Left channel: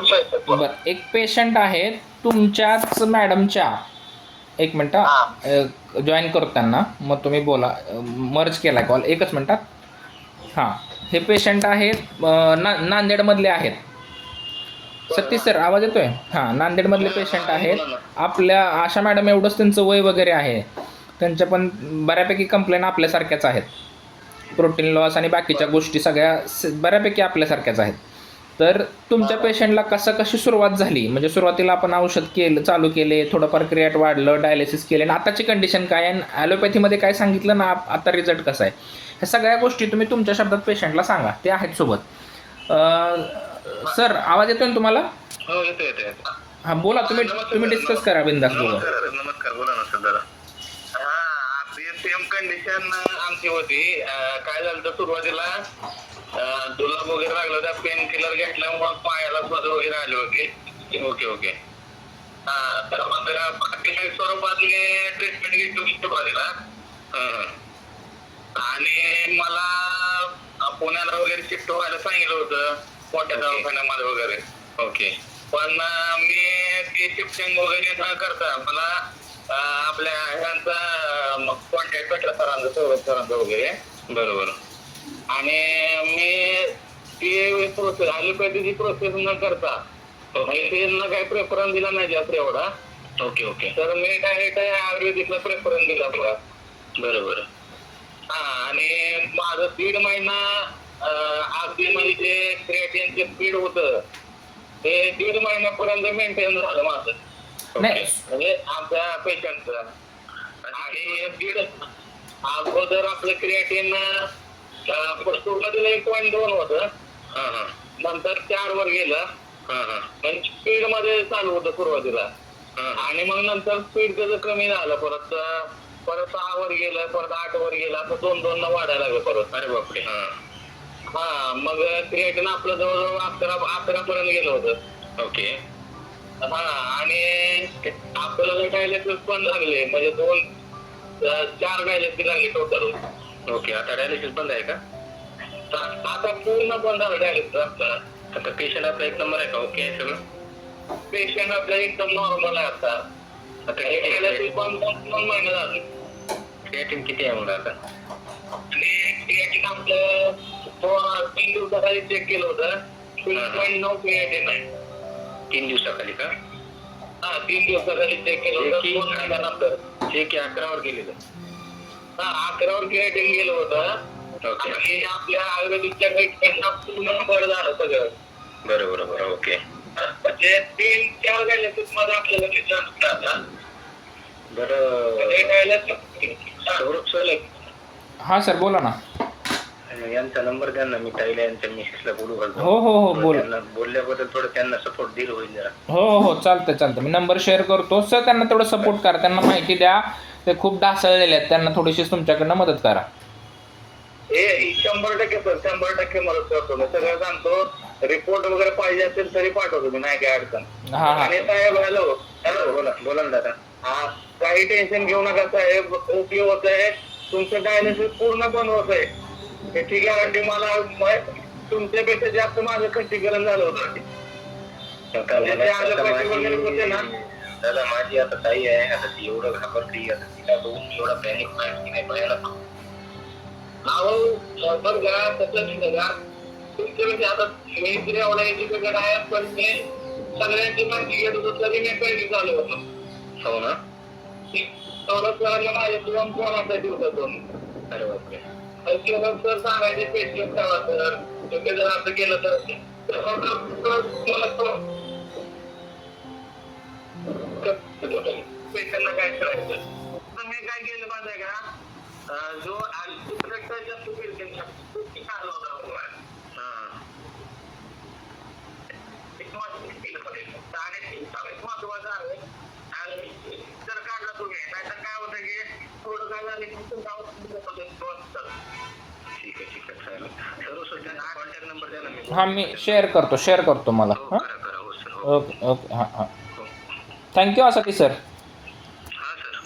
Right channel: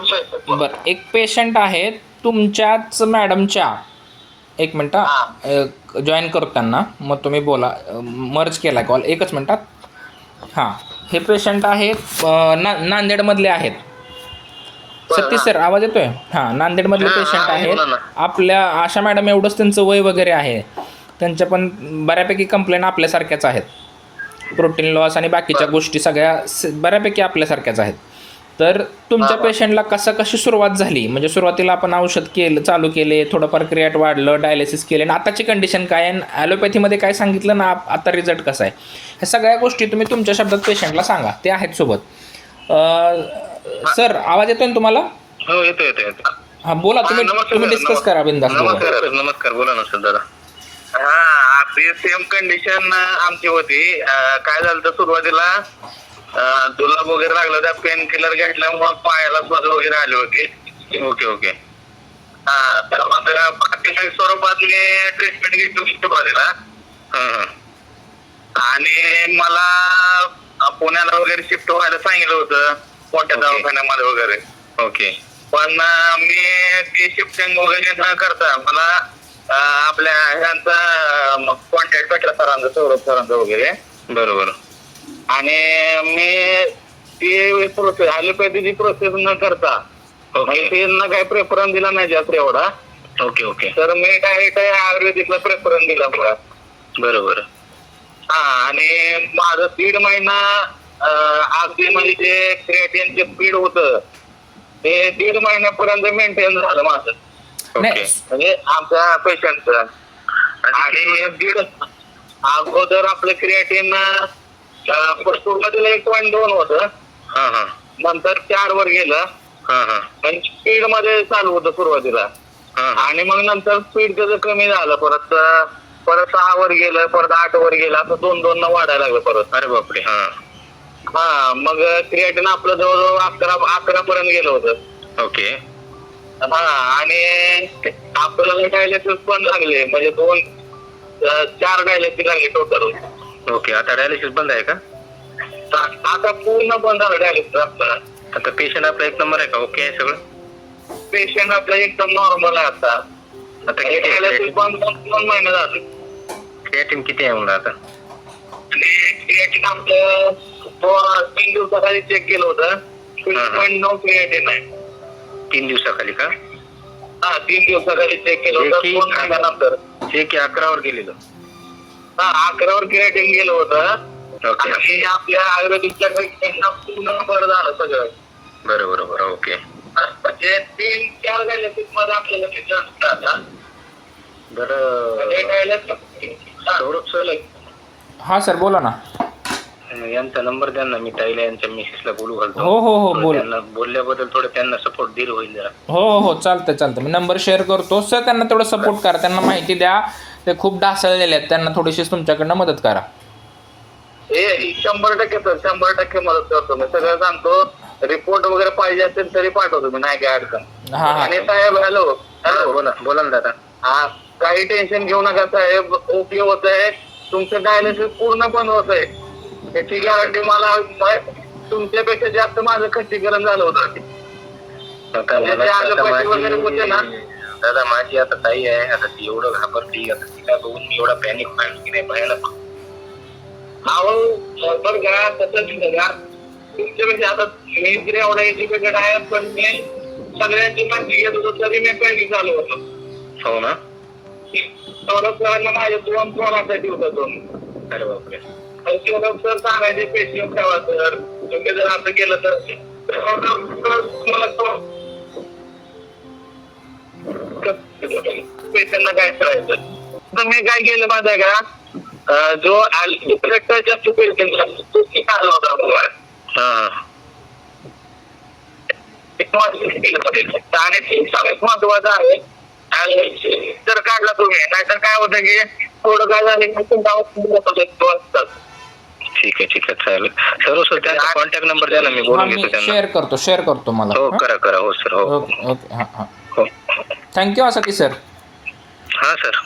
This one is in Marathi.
बरं, एक पेशंट आहे तुमच्याच मॅडमच्या. एक मिनटं जॉईन करतो त्यांना, मग तुम्ही बोला. मर्ज केला कॉल, एकच मिनटात. हां, हे पेशंट आहेत नांदेडमधले आहेत. सतीश सर, आवाज येतोय? हां, नांदेडमधले पेशंट आहेत. आपल्या आशा मॅडम एवढंच त्यांचं वय वगैरे आहे. त्यांच्या पण बऱ्यापैकी कंप्लेंट आपल्यासारख्याच आहेत. प्रोटीन लॉस आणि बाकीच्या गोष्टी सगळ्या बऱ्यापैकी आपल्यासारख्याच आहेत. तर तुमच्या पेशंटला कशी सुरुवात झाली? म्हणजे सुरुवातीला आपण औषध चालू केले, थोडंफार क्रिएट वाढलं, डायलिसिस केले, आणि आताची कंडिशन काय आहे, ॲलोपॅथीमध्ये काय सांगितलं ना, आता रिझल्ट कसा आहे, ह्या सगळ्या गोष्टी तुम्ही तुमच्या शब्दात पेशंटला सांगा. ते आहेत सोबत. सर, आवाज येतोय ना तुम्हाला? हो, येतो. हां, बोला. तुम्ही डिस्कस करा बिंदास. नमस्कार, बोला ना सर दादा. हा, आपली सेम कंडिशन आमची होती. काय झालं तर सुरुवातीला जुलाब वगैरे लागला, त्या पेन किलर घेतल्यामुळे पायाला स्वत वगैरे आले होते. ओके. हा, तर प्राथमिक स्वरूपात मी ट्रीटमेंट घेतली सुरुवातीला. आणि मला पुण्याला वगैरे शिफ्ट व्हायला सांगितलं होतं, मोठ्या दवाखान्यामध्ये वगैरे. ओके. पण मी ते शिफ्टिंग वगैरे न करता मला आपल्या ह्यांचा कॉन्टॅक्ट भेटला सरांचा, सौरभ सरांचा वगैरे. बरोबर. आणि मी ती प्रोसेस, ॲलोपॅथीची प्रोसेस न करता त्यांना काही प्रेफरन्स दिला नाही जास्त एवढा. ओके. तर मी डायरेक्ट आयुर्वेदिकला प्रेफरन्स दिला मला. बरोबर. हा, आणि माझं 1.5 महिना अगदी म्हणजे जे क्रिएटिनचे स्पीड होतं ते 1.5 महिन्यापर्यंत मेंटेन झालं माझं. म्हणजे आमच्या पेशंटचं. आणि अगोदर आपलं क्रिएटिन सुरुवातीला 1.2 होतं, नंतर 4 वर गेलं. स्पीड मध्ये चालू होतं सुरुवातीला, आणि मग नंतर स्पीड त्याचं कमी झालं, परत 6 वर गेलं, परत 8 वर गेलं, असं 2 न वाढायला लागलं परत. अरे बापरे. हा, मग क्रिएटिन आपलं जवळजवळ 11 पर्यंत गेलं होतं. ओके. हा, आणि आपल्याला डायलिसिस पण लागले, म्हणजे 4 डायलिसिस लागले टोटल. ओके. आता डायलिसिस बंद आहे का? आता पूर्ण बंद झालं डायलिसिस आपलं. आता पेशंट आपला 1 नंबर आहे का? ओके आहे सगळं? पेशंट आपला एकदम नॉर्मल आहे आता. डायलिसिस बंद 2 महिने झाले. क्रिएटिन किती आहे म्हणलं आता? क्रिएटिन आपलं 3 दिवसाखाली चेक केलं होतं, 3.9 क्रिएटिन आहे. 3 दिवसाखाली का? हा, 3 दिवसाखाली चेक केलं होतं. 2 महिन्यानंतर चेक 11 वर गेलेलं. हा, 11 वर क्रिएटिन गेलं होतं. आणि आपल्या आयुर्वेदिकच्या ट्रीटमेंटला पूर्ण बरं झालं सगळं. बरोबर. ओके. म्हणजे 3-4 डायलिसिस मध्ये आपल्याला रिझल्ट आला. बरं. हां सर, बोला ना. यांचा नंबर द्या ना, मी ताईला यांच्या मिसेसला बोलू घालतो. हो, बोला. त्यांना बोलल्याबद्दल थोडं त्यांना सपोर्ट दिलं होईल जरा. हो, चालतं. मी नंबर शेअर करतो. सर, त्यांना तेवढं सपोर्ट करा, त्यांना माहिती द्या. ते खूप ढासळलेले आहेत, त्यांना थोडीशी तुमच्याकडनं मदत करा. 100% सर, 100% मदत करतो मी. सगळं सांगतो. रिपोर्ट वगैरे पाहिजे असेल तरी पाठवतो मी, नाही काय अडचण. आणि साहेब, हॅलो, बोला ना दादा. हा, काही टेन्शन घेऊ नका साहेब, ओके होत आहे. तुमचं डायलिसिस पूर्ण बंद होत आहे, त्याची गॅरंटी मला. तुमच्यापेक्षा जास्त माझं खच्चीकरण झालं होतं. दादा, माझी आता ताई आहे, आता ती एवढं घाबरली, आता तिला बघून मी एवढा पॅनिक व्हायला की नाही भयानक. बरं का, तसंच का तुमच्यापेक्षा आता मी तरी एवढा एज्युकेटेड आहे, पण मी सगळ्यांची माहिती घेत होतो तरी मी पॅनिक झालो होतो. हो ना. सौरभ माझ्या 2 फोनासाठी होता तो. अरे बापरे. सौरभ सर सांगायचे पेशंट ठेवा सर, तुम्ही जर असं केलं तर पेशंटला काय करायचं. तर मी काय केलं माहिती आहे का, जो जास्त पेशंट आला होता आणि सगळ्यात महत्वाचं आहे जर काढला तुम्ही, नाहीतर काय होतं की थोडं काय झालं. ठीक आहे, चालेल. सर त्यांचा कॉन्टॅक्ट नंबर द्या ना, मी बोलून घेतो त्यांना. शेअर करतो मला. हो, करा. हो सर. हो. ओके. हां. Thank you Satish sir. हां सर.